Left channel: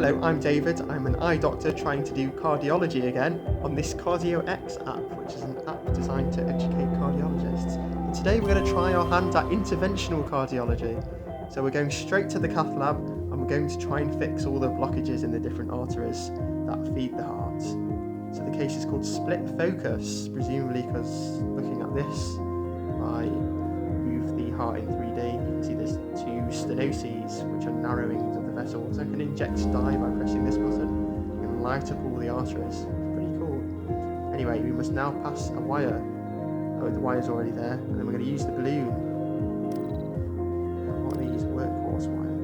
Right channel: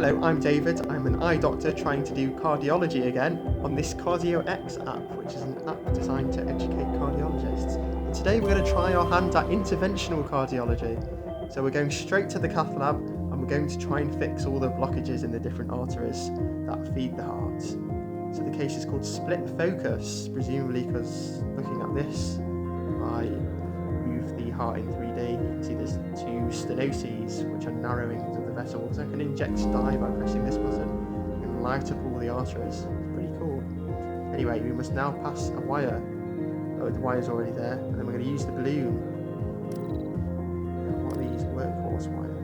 Hello, I'm David. I'm an eye doctor trying to do cardiology again on this CardioX app, which is an app designed to educate cardiologists. And today we're going to try our hand at interventional cardiology. So we're going straight to the cath lab and we're going to try and fix all the blockages in the different arteries that feed the heart. So the case is called split focus, presumably because looking at this, if I move the heart in 3D, you can see there's two stenoses, which are narrowings of the vessels. I can inject dye by pressing this button and light up all the arteries. It's pretty cool. Anyway, we must now pass a wire. Oh, the wire's already there. And then we're going to use the balloon. What are these? Workhorse wire.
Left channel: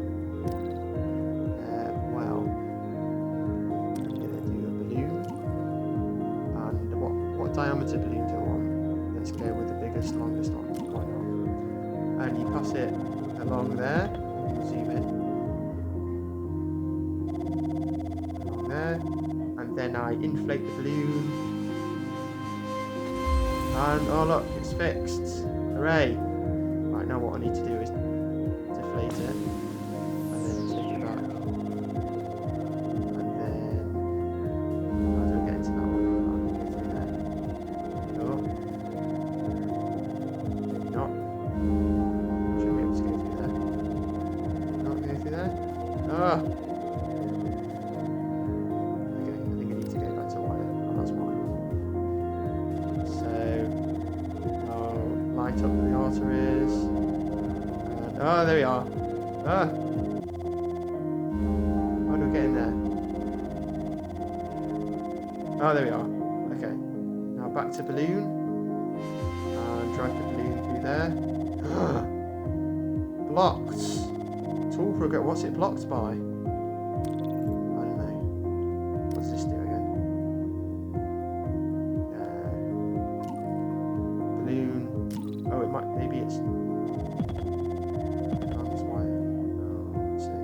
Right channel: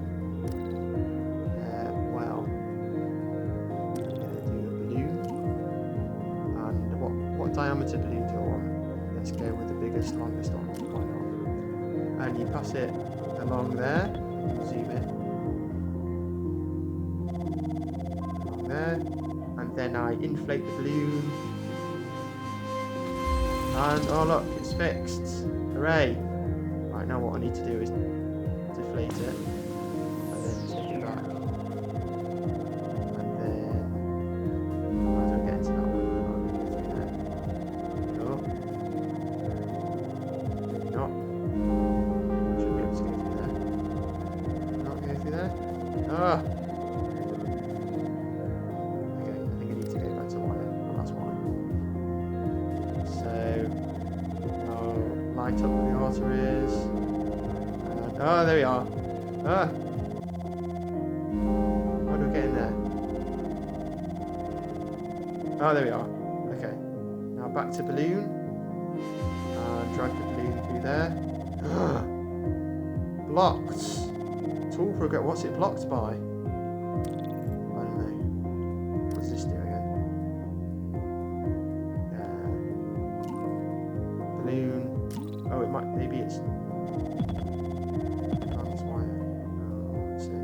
Well, I'm going to do a balloon. And what diameter balloon do I want? Let's go with the biggest, longest one. Why not? And you pass it along there. You can zoom in. Along there. And then I inflate the balloon. And oh look, it's fixed. Hooray! Right, now what I need to do is deflate it. And then take it back. And then how do I get into that one? I'm going to go through there. Oh. Maybe not. I should be able to go through there. Not go through there? Ah! Okay, I think I need to go back to wire. Oh, that's why. So, I'll light up the arteries. And, oh, there we are. Ah! How do I get in there? Oh, there we are. Okay. Now back to balloon. And drag the balloon through there. Blocked. Tool progress. What's it blocked by? I don't know. What's this do again? Balloon. Oh, it might. Maybe it's. Advanced wire. Oh, let's see. I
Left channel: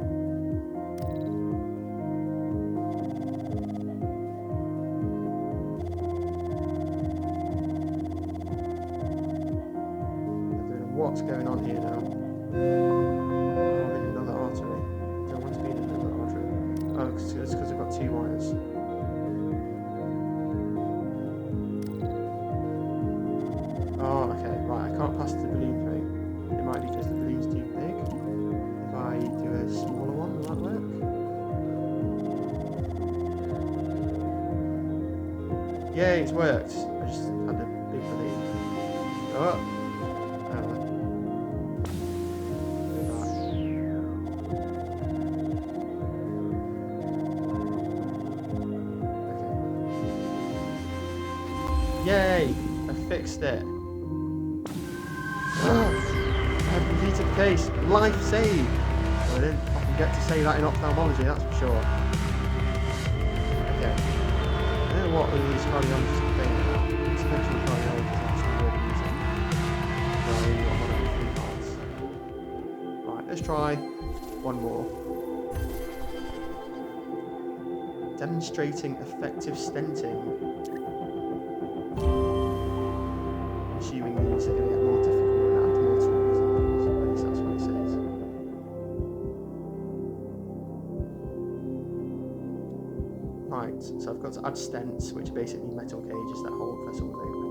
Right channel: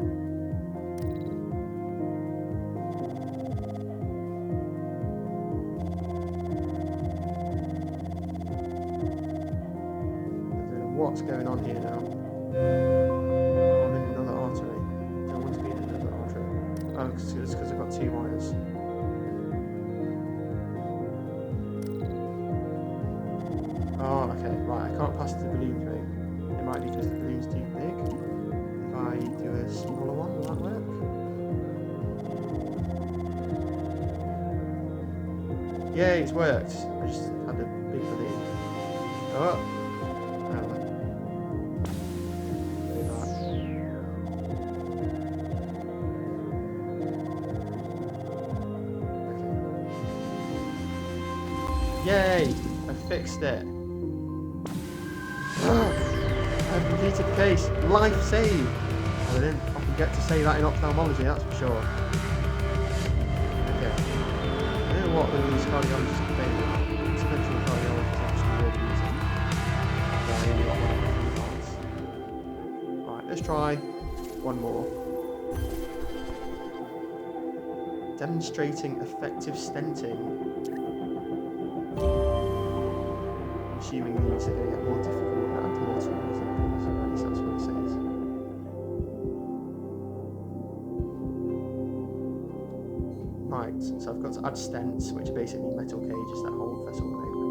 don't know what's going on here now. Oh, I'm in another artery. Don't want to be in another artery. Oh, it's because I've got two wires. Oh, okay, right, I can't pass the balloon through. It might be because the balloon's too big. If I do a smaller one, will that work? Yay, it's worked. I just had a big balloon. Oh! Yay! I fixed it. I've completed the case. Life saved. Well, I didn't often get to say that in ophthalmology, that's for sure. Okay. I don't know what all these cardiologists are saying about. Interventional cardiology is actually really easy. So I only got one of the 3 parts. Right, let's try one more. Demonstrating effective stenting. Assuming these are going to get more difficult and add more tools and things, at least that's what it says. Right, so I've got to add stents, which are basically metal cages that hold vessels open.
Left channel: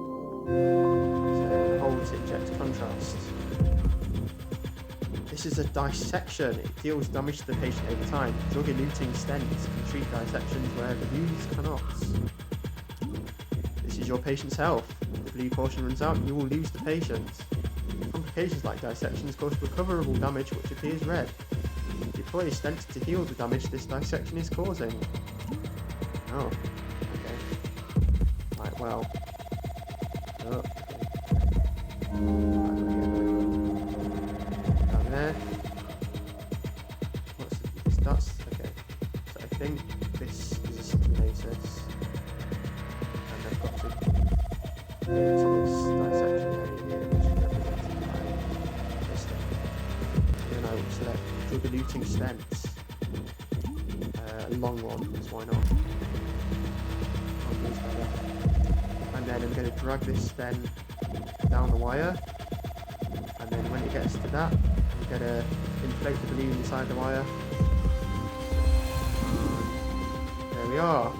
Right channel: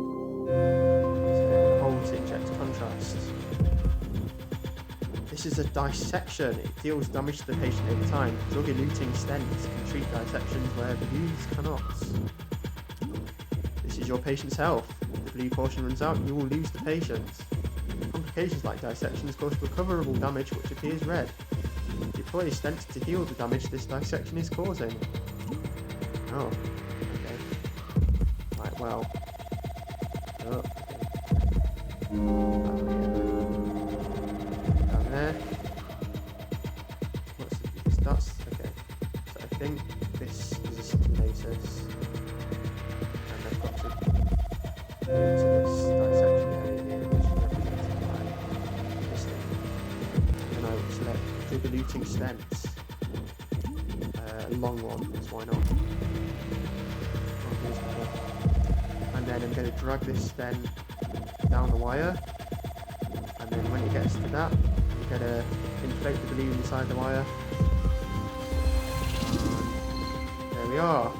So hold to inject contrast. This is a dissection. It deals damage to the patient over time. Drug-eluting stents can treat dissections where balloons cannot. This is your patient's health. If the blue portion runs out, you will lose the patient. Complications like dissections cause recoverable damage which appears red. Deploy a stent to heal the damage this dissection is causing. Oh, okay. Right, well. Oh, okay. How do I get there? Down there. What's this? That's okay. So I think this is a stenosis. And I've got to go to this dissection area here, which is represented by this thing. And then I will select drug-eluting stents. A long one, because why not? And then I'm going to drag this stent down the wire, and then when it gets to that, I'm going to inflate the balloon inside the wire, and we are.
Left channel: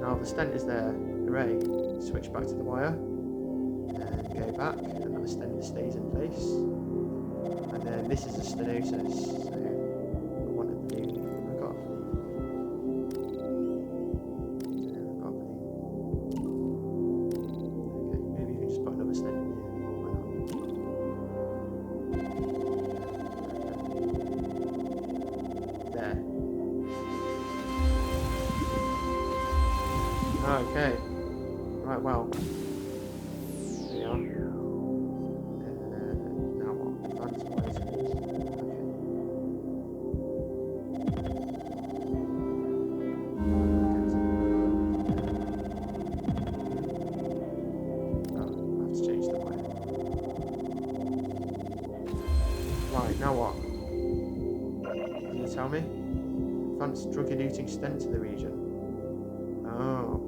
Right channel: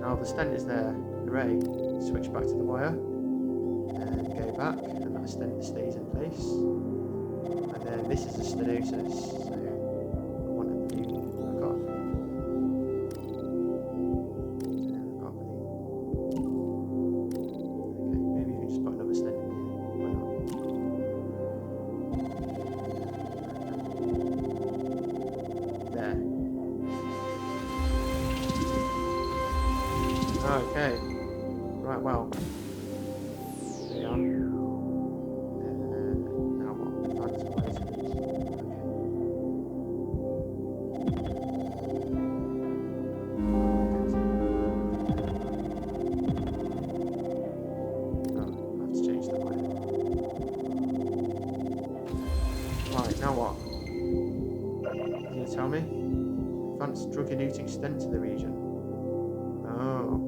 Now the stent is there. Hooray. Switch back to the wire. And go back. And that stent stays in place. And then this is a stenosis. So I want a balloon. I've got a balloon. I've got a balloon. Okay, maybe you can just put another stent in here. Why not? There. Okay. Right, well. There we are. Now what? Advanced wires, please. Okay. Oh, I have to change the wire. Right, now what? Can you tell me? Advanced drug-eluting stent to the region. Oh.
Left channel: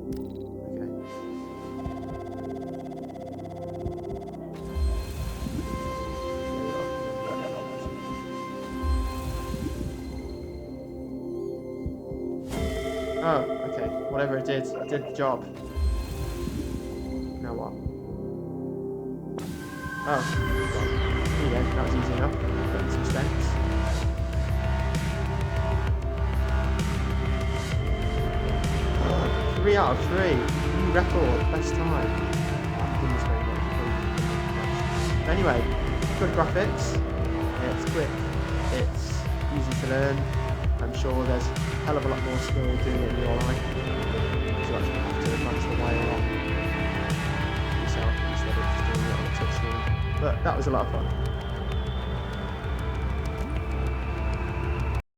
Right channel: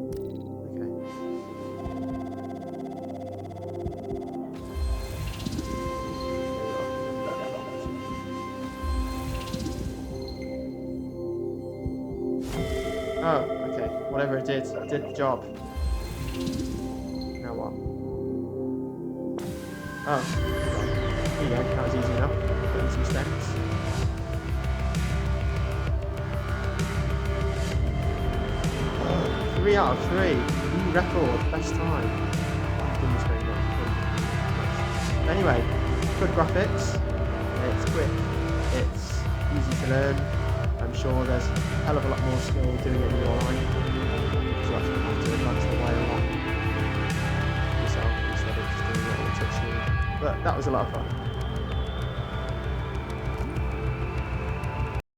Okay. Oh, okay. Whatever it did the job. Now what? Oh, there you go. That was easy enough. Put in some stents. Oh, 3 out of 3. New record. Best time. Thank goodness very much. Anyway, good graphics. It's quick. It's easy to learn. I'm sure there's a hell of a lot more skill doing it in your life, because you actually have to advance the wire a lot yourself instead of just doing it on a touch screen. But that was a lot of fun.